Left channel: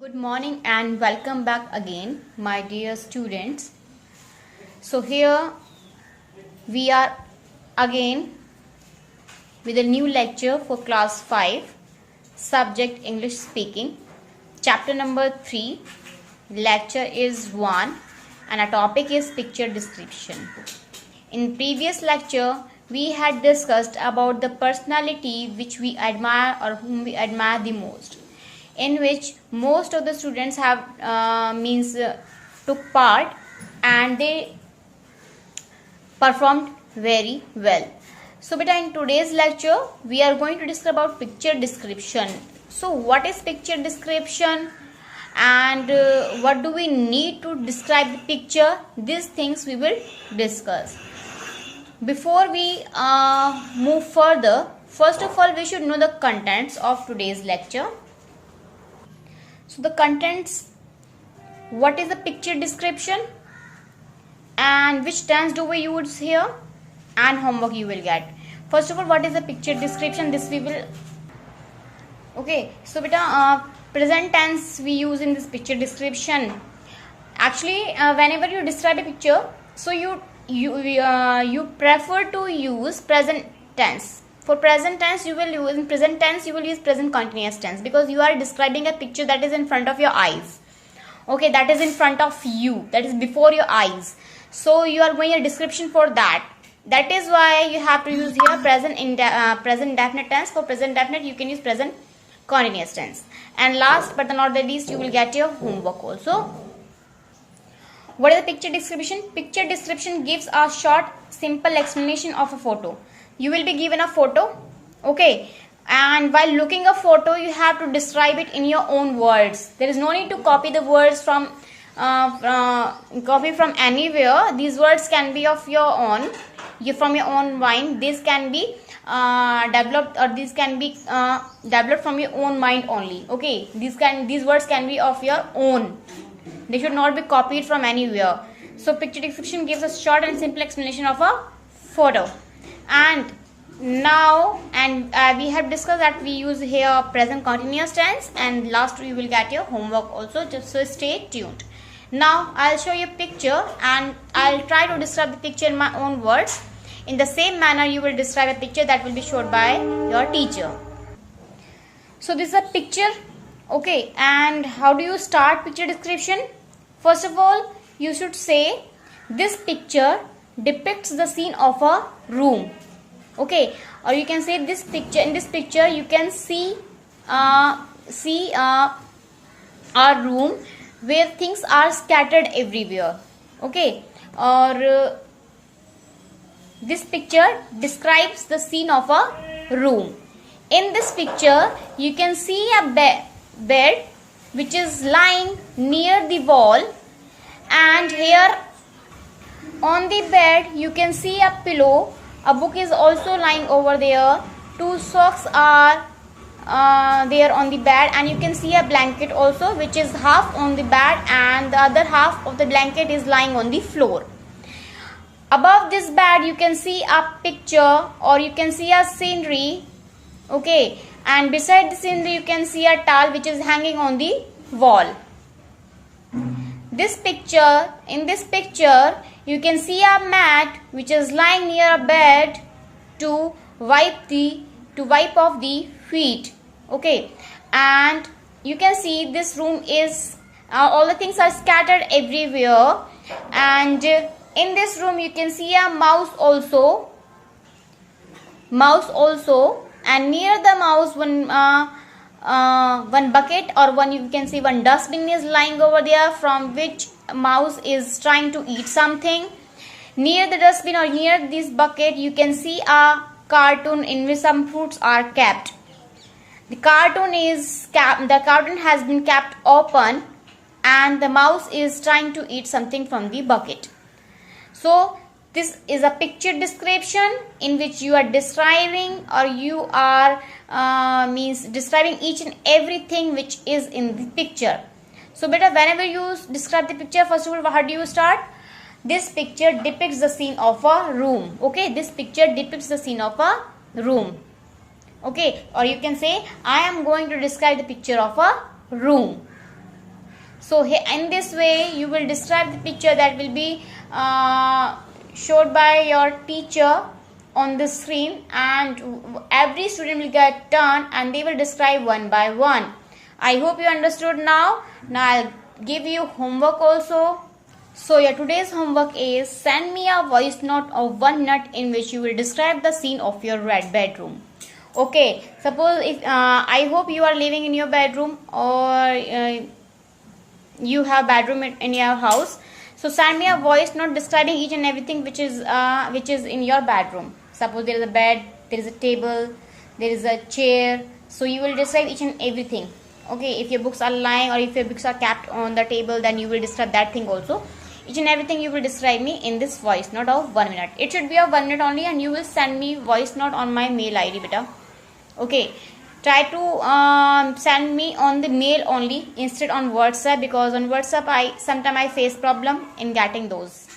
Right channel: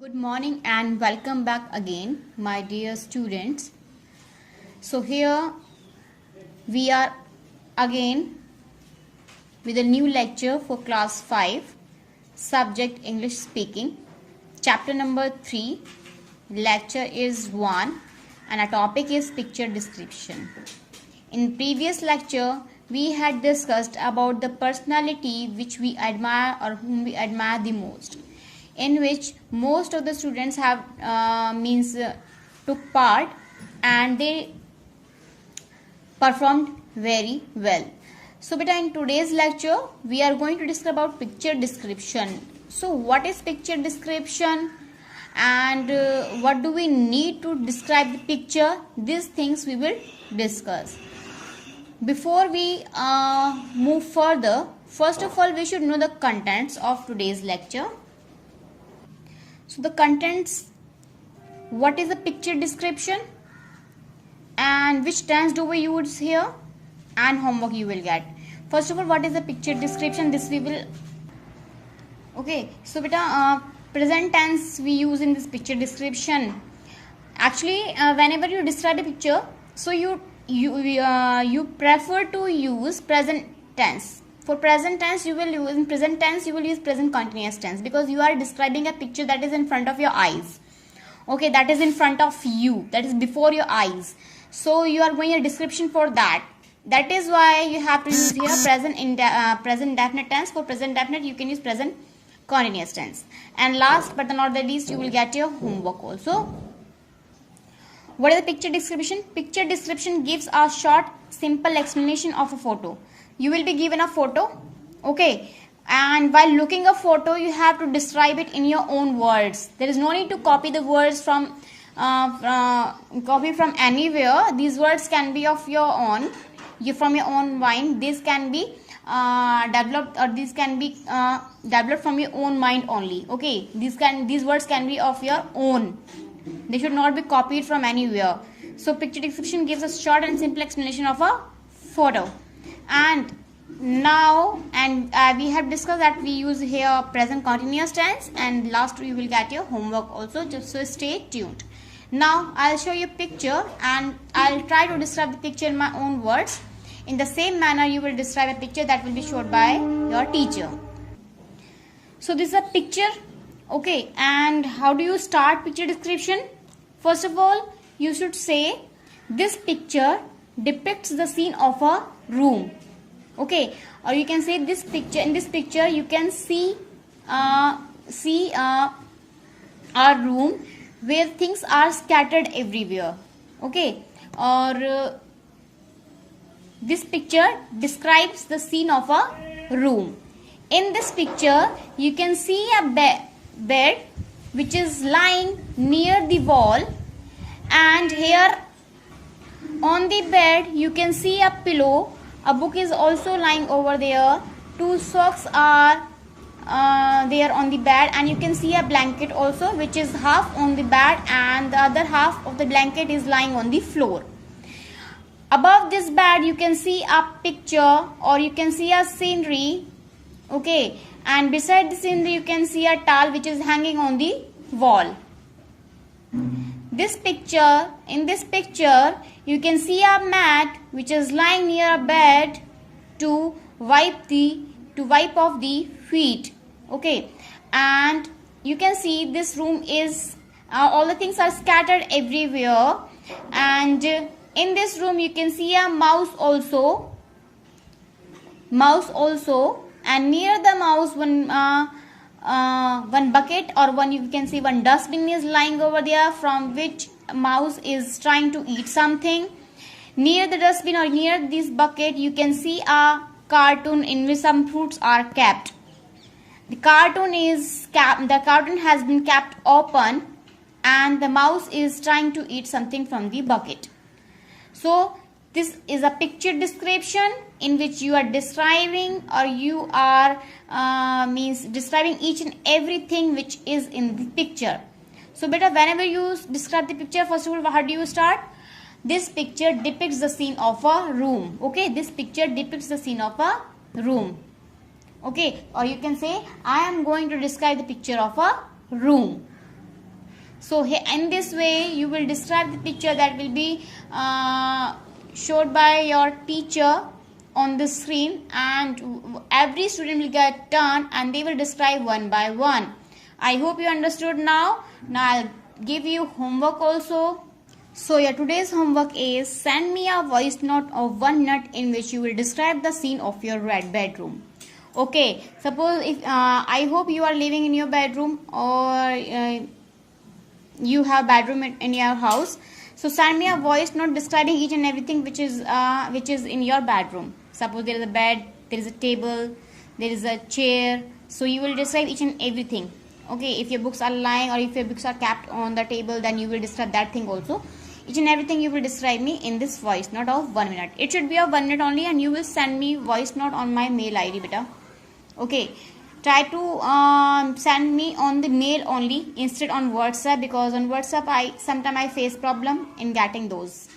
Good morning and welcome back again, my dear students. So, here we are again with a new lecture for class 5, subject English speaking, chapter number 3. Lecture is 1 and our topic is picture description. In previous lecture, we had discussed about the personality which we admire or whom we admire the most, in which most of the students have took part and they performed very well. So beta, in today's lecture we are going to discuss about picture description. So what is picture description and what do we need to describe the picture? These things we will discuss. Before we move further, first of all we should know the contents of today's lecture. So the contents, what is the picture description and which tense do we use here, and homework you will get. First of all, what is the picture description? This we will, okay. So beta, present tense we use in this picture description. Actually, whenever you describe a picture, so you prefer to use present tense. For present tense, you will use present continuous tense, because you are describing a picture that is in front of your eyes. Okay, that is in front of you, that is before your eyes. So you are going a description for that. That is why you have to use here present indefinite tense. For present definite, you can use present continuous tense. And last but not the least, you will get your homework also. What is the picture description? Picture description gives a short, simple explanation of a photo. You will be given a photo, okay, and while looking a photo, you have to describe it in your own words. There is no need to copy the words from anywhere. These words can be of your own, from your own mind. This can be developed, or these can be developed from your own mind only. Okay, these words can be of your own. They should not be copied from anywhere. So picture description gives a short and simple explanation of a photo. And now, we have discussed that we use here present continuous tense, and last we will get your homework also, just so stay tuned. Now I'll show you a picture and I'll try to describe the picture in my own words. In the same manner you will describe a picture that will be showed by your teacher. So this is a picture, okay, and how do you start picture description? First of all, you should say this picture depicts the scene of a room, okay, or you can say this picture, in this picture you can see a room where things are scattered everywhere, okay, or this picture describes the scene of a room. In this picture you can see a bed which is lying near the wall, and here on the bed you can see a pillow. A book is also lying over there. 2 socks are there on the bed, and you can see a blanket also, which is half on the bed and the other half of the blanket is lying on the floor. Above this bed you can see a picture, or you can see a scenery, okay, and beside the scenery you can see a towel which is hanging on the wall. In this picture you can see a mat which is lying near a bed to wipe off the feet, okay, and you can see this room is all the things are scattered everywhere, and in this room you can see a mouse also, and near the mouse one bucket, or you can see one dustbin is lying over there, from which mouse is trying to eat something. Near the dustbin or near this bucket you can see a cartoon in which some fruits are kept. The cartoon has been kept open, and the mouse is trying to eat something from the bucket. So this is a picture description in which you are describing, or you are describing each and everything which is in the picture. So beta, whenever you describe the picture, first of all, how do you start? This picture depicts the scene of a room, okay, this picture depicts the scene of a room, okay, or you can say I am going to describe the picture of a room. So in this way you will describe the picture that will be showed by your teacher on the screen, and every student will get turn and they will describe one by one. I hope you understood now. Now I'll give you homework also. So your today's homework is send me a voice note of 1 minute in which you will describe the scene of your red bedroom. Okay, suppose if I hope you are living in your bedroom, or you have bedroom in your house. So send me a voice note describing each and everything which is in your bedroom. Suppose there is a bed, there is a table, there is a chair. So you will describe each and everything. Okay, if your books are lying or if your books are kept on the table, then you will describe that thing also. Each and everything you will describe me in this voice note of 1 minute. It should be of 1 minute only, and you will send me voice note on my mail ID, beta. Okay, try to send me on the mail only instead on WhatsApp, because on WhatsApp sometimes I face problem in getting those.